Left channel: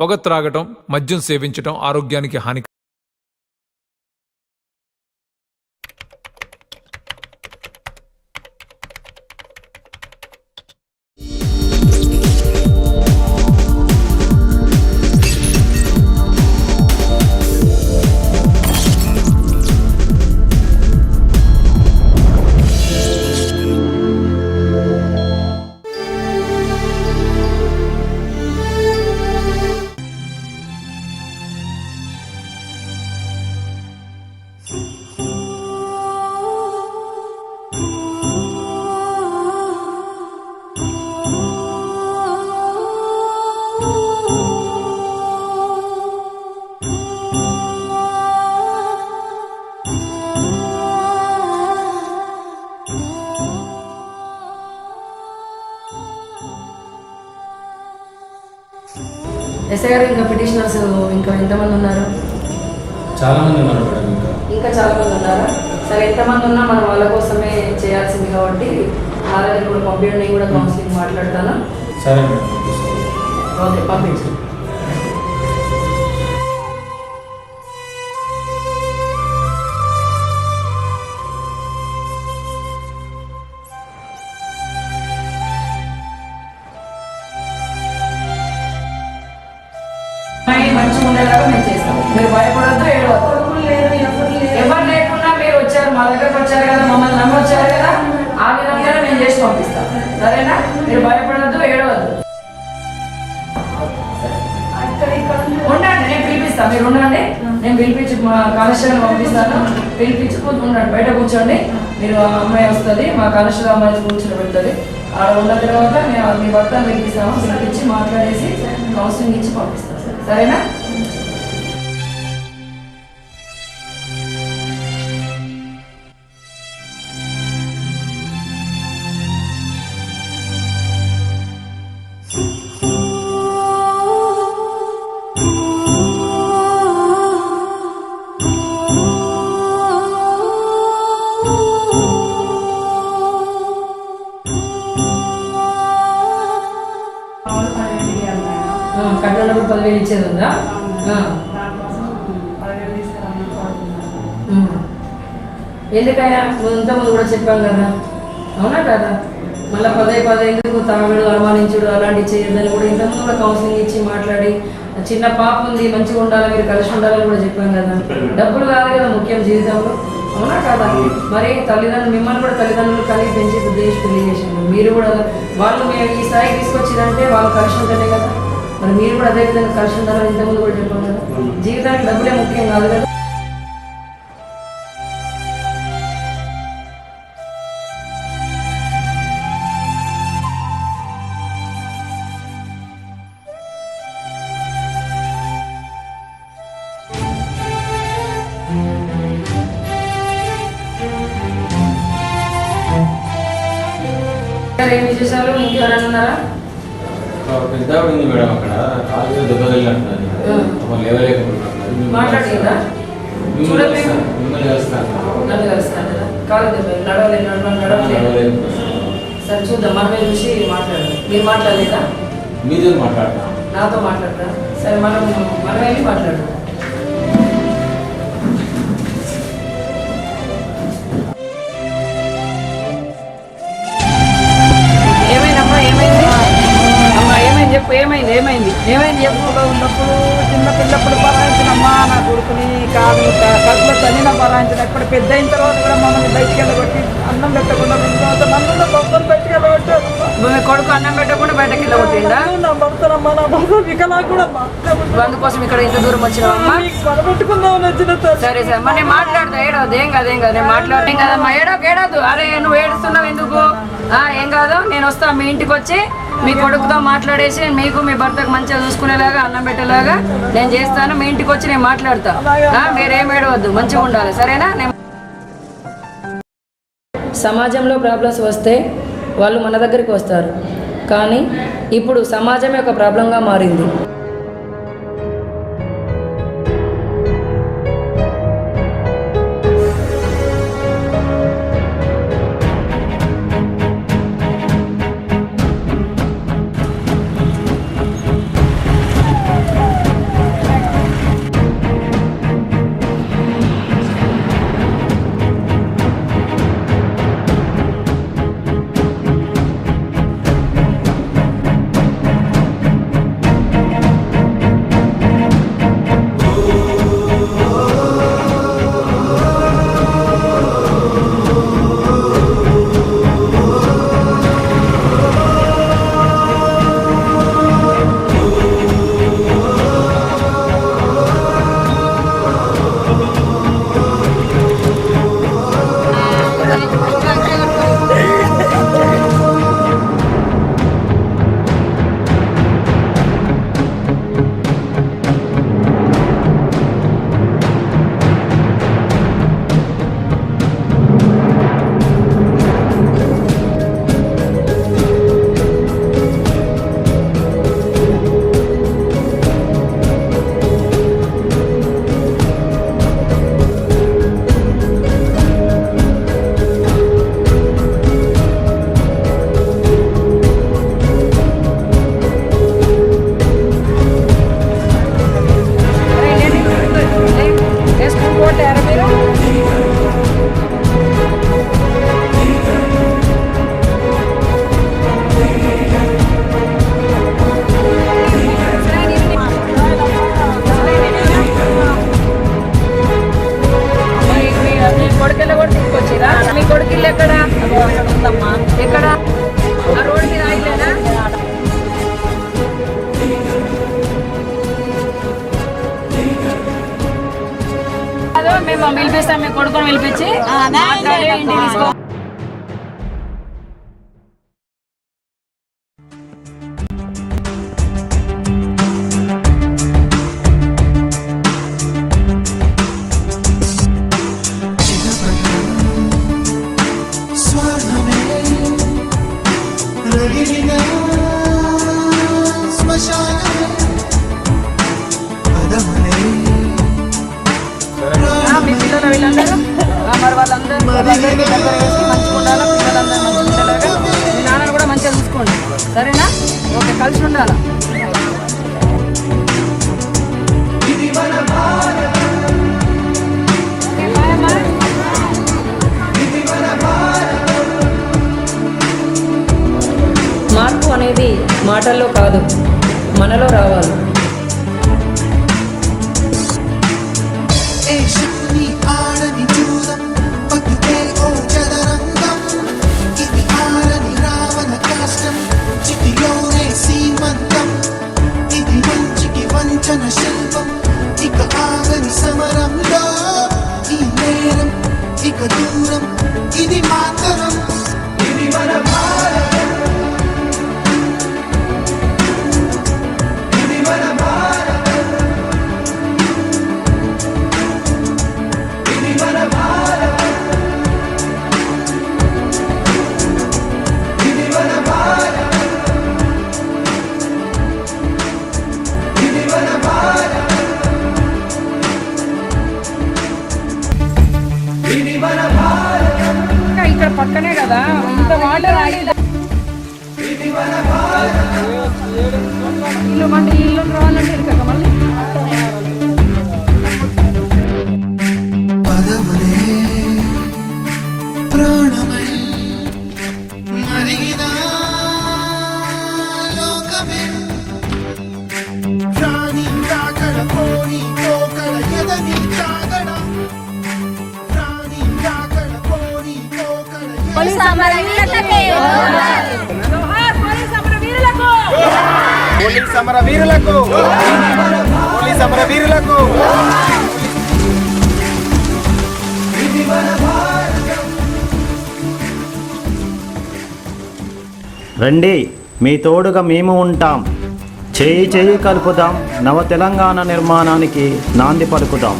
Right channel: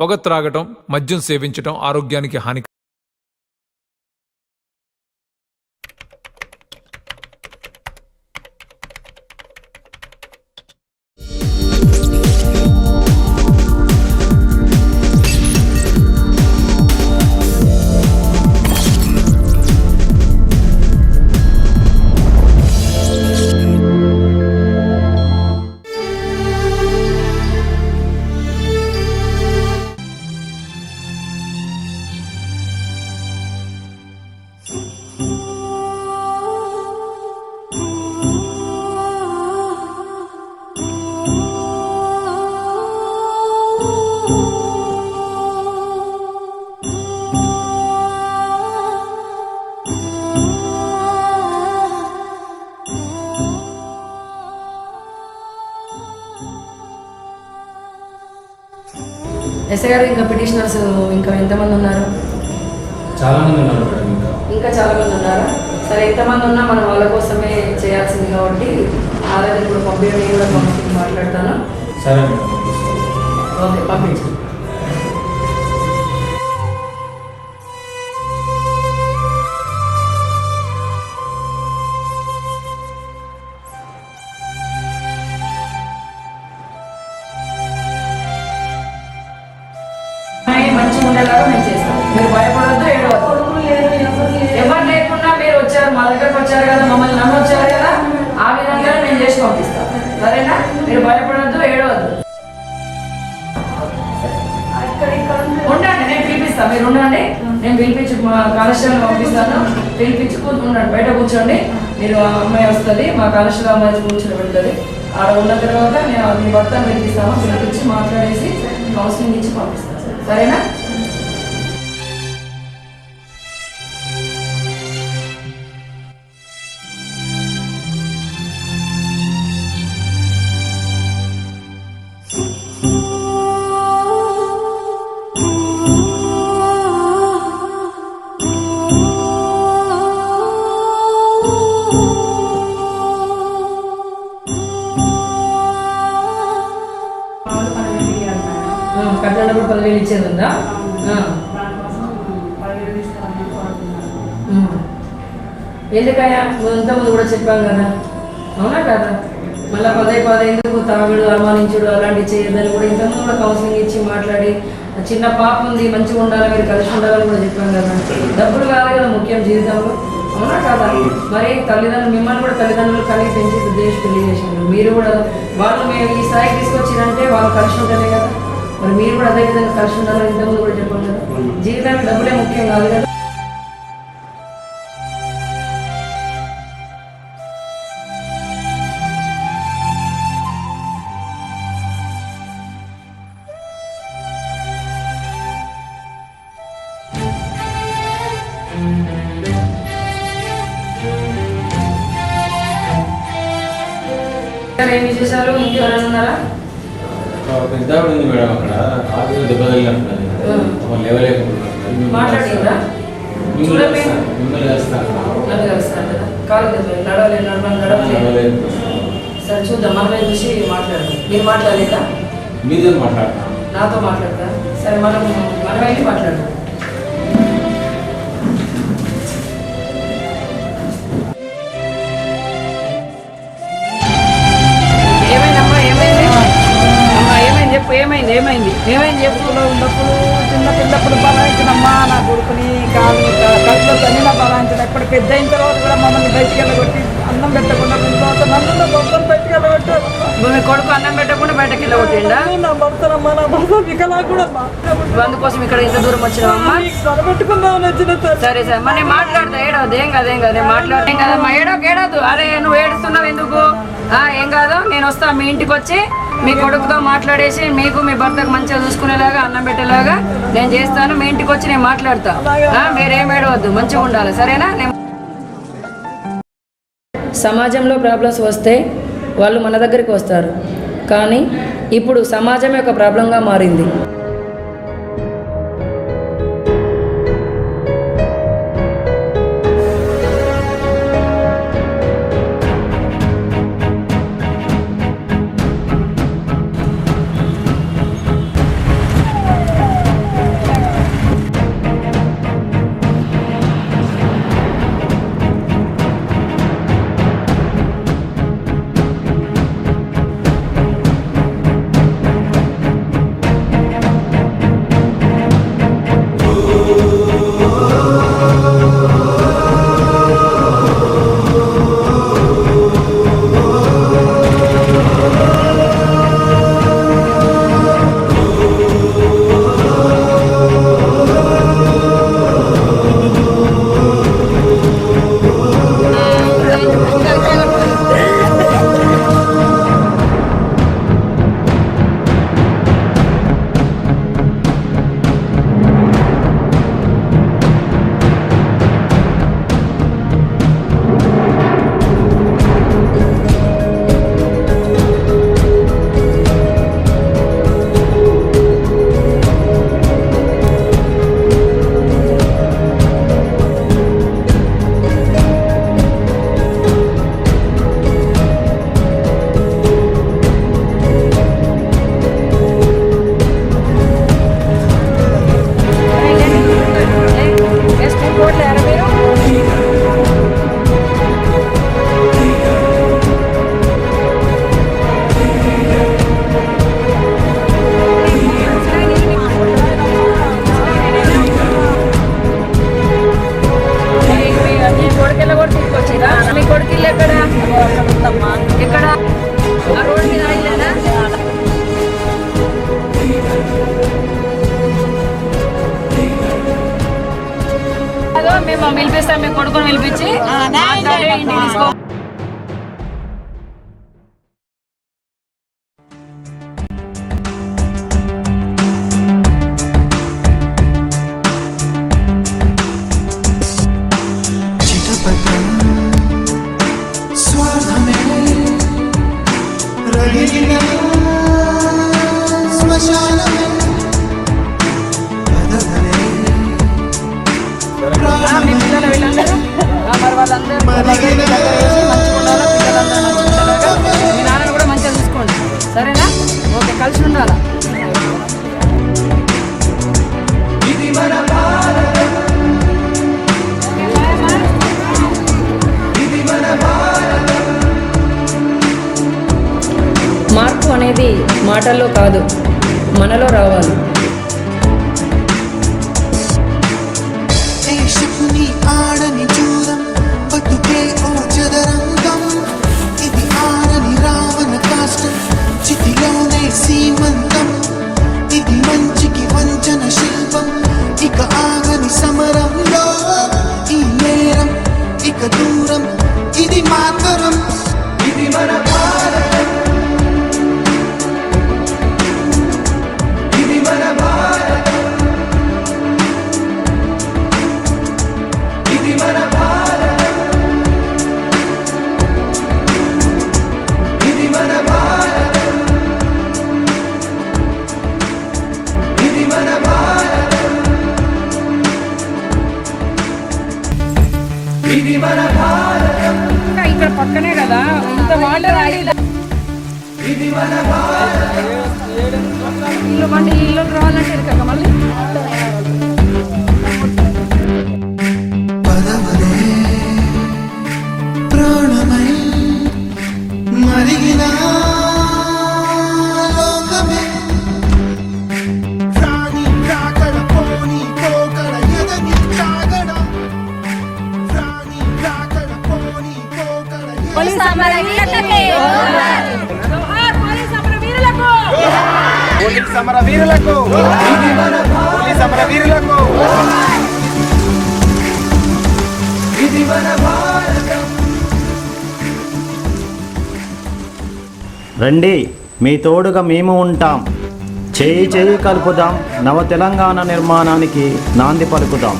పొగ త్రాగటం, మద్యం సేవించటం ఆరోగ్యానికి హాని. ఎస్ఐ గారు, ఇంకా పిటిషనర్స్ ఇంకా ఎంతమంది ఉన్నారు? చాలా మంది ఉన్నారు మేడం. ఇంకా చాలా మంది ఉన్నారా? సరే, ఎంతమంది ఉన్నా మనం వాళ్ళ కోసమే చేయాల్సింది కాబట్టి ఆల్రెడీ ఇప్పుడు పంపించడం కూడా కౌన్సిలింగ్ మాట్లాడతాను. సరే మేడం, ఓకే, పంపించండి. మంచిగా ఉండేలాగా మేము చేస్తాం. మీరు భయపడద్దు, ఏడవద్దు. ఎవరు లేకుండా మీరు వచ్చారు, మా దగ్గరకు వచ్చారు కదా, మమ్మల్ని నమ్మి వచ్చారు కదా, ఆ విధంగానే మేము చేసి పంపిస్తాం. సరేనా? మీరు భయపడద్దు, ఏడవద్దు. ఉండండి, నేను పిలిపిస్తాను. మీరు ఉండండి, నేను పిలిపించి మా కానిస్టేబుల్ పంపిస్తాను. పిలిపించుకుని ఉండండి, బయట కూర్చోండి. మీరు అమ్మాయి వస్తుంది, మా కానిస్టేబుల్ అమ్మాయి కూర్చొని పెడుతుంది. ఆడ ఉన్న తర్వాత నేను మీ భర్తను పిలిపిస్తాము. పిలిపించి మాట్లాడేసి కౌన్సిలింగ్ ఇచ్చి పంపిస్తాను. సరేనా? కట్టినప్పుడు 10,000 ఇచ్చేది ఉందా? ఎందుకైనా ఇంతకుముందు కూడా చెప్పాం కదా, అవునా కదా? మళ్ళీ పదే ఎందుకు తాగుడు, అనుమానించుడు అలాంటివి చేయొద్దని కూడా ఇంతకుముందు కూడా కౌన్సిలింగ్ ఇచ్చి మాట్లాడి, చిన్న పాప ఉంది, మంచిగా ఉండాలి, మీరు కలిసి ఉండాలని కూడా చెప్పాం కదా. డబ్బులు కాదు కదా ముఖ్యం జీవితంలో, అవునా కదా? మరి తల్లిదండ్రులు, మిమ్మల్ని కూడా తల్లిదండ్రులు కలిగి పెంచి ఉద్దేశం పెళ్లి చేసిండ్రు. మీరు కూడా వాళ్ళు మేము ఈ స్థాయికి తీసుకొచ్చిరంటే వాళ్ళు కలిసి ఉంటేనే కదా. మరి మీరు కూడా అదే విధంగా కలిసి ఉండాలని ఇంతకుముందు కూడా చెప్పాం కదా. జీవితానికి డబ్బులే ముఖ్యం కాదు కదా. ఏం విశేషాలు? ఇంకెవరైనా ఉన్నారా? పెద్ద ఉంది మేడం, అక్కడ కాలు దెబ్బ తగిలినట్టున్నది. మాట్లాడిందా? చూడండి, నన్ను కలుస్తాను కదా, కాలు దెబ్బ నడవలేదు. సరే చూద్దాం, మనమే చూసి మాట్లాడదాం. మీరు మాట్లాడలేదా? మీతో మాట్లాడతా, నాతో మాట్లాడతా. సరే, మనం వెళ్ళి మాట్లాడదాం. ఏమైందమ్మా? ఏమైంది అమ్మా? ఏమైంది చెప్పు. ఏమైంది స్కూల్లో ఉన్నప్పుడు చిన్న పిల్లప్పుడు బలాయించినమ్మా నా కొడుకుని, కాలు కడుపులో తన్ని నా బలాయించిన. ఇప్పుడు పెద్ద అయిన తర్వాత కూడా మమ్మల్ని బయటికి వెళ్ళగొట్టి అన్నం పెట్టకుండా నన్ను భర్తను బయటికి వెళ్ళగొట్టారు. మీ కొడుకు అన్నం పెట్టకుండా బయటకి వెళ్ళగొట్టిందా? నా భర్తనమ్మా, నా భర్త వికలా కూడా అందుకోసం ఇక్కడ ఇంత దూరం వచ్చినావమ్మా? పెట్టుకుందామని వచ్చిన. సరే మరి నేను మాట్లాడతా. ఏడవద్దు, ఏం కాదు నేను మాట్లాడేం కదమ్మా. ఏడవద్దు. అరే నువ్వు ఏడుస్తున్నావు ఎందుకు? ఏం కాదు, నేను వస్తాను మీ ఇంటికి వచ్చి మీ కొడుకుతో మాట్లాడేసి మీకు మీ భర్తకు మంచిగా చూసుకునేలాగా అన్నం పెట్టేలాగా నేను చేస్తాను. మీ ఇంటికి వచ్చి నేను మాట్లాడతా. మీరేం ఏడవద్దు, మంచిగా ఉండాలి. సరేనా? సమాజంలో ప్రాబ్లమ్స్ వస్తే వాళ్ళు మన దగ్గరికి వస్తారు, కానీ ఇప్పుడు సమాజమే ఒక ప్రాబ్లంగా మారింది. మసీద్కి వచ్చిరా? మీ కొడుకు ఇల్లు ఎక్కడ? అక్కడ ఉందమ్మా. ఎక్కడ? ఆ రోడ్ మీద ఆగిలేనా? అదో మేము పిలిపిస్తాం, మీ కొడుకుని పిలిపించి మాట్లాడి ఇంటికి తీసుకో. మీ పిల్లలు వీళ్ళందరూ మరి వాళ్ళందరికీ దగ్గర వేసి మంచిగా ఉండాలా, పిల్లలందరూ మంచిగా ఉండేలాగా మీ నాన్నని కూడా మంచిగా చూసుకోండి, సరేనా? ఓకే, కలిసి ఉండాలా. మార్పు అనేది మాటల్లో కాదు, మనలో రావాలి. ఇక్కడ పక్కనే కదా, ఇంత వాటర్ ఇల్లు అంటే ఈ ఇల్లు రావాలంటే ఇరక మళ్ళీ పోలీస్ అమరవీరులకు పోలీస్ అమరవీరులకు పోలీస్ అమరవీరులకు. రండి, మీ తోడుగా మేము ఉంటాం. చేయి చేయి కలుపుదాం, నవ తెలంగాణ నిర్మాణానికి నాంది పలుకుదాం.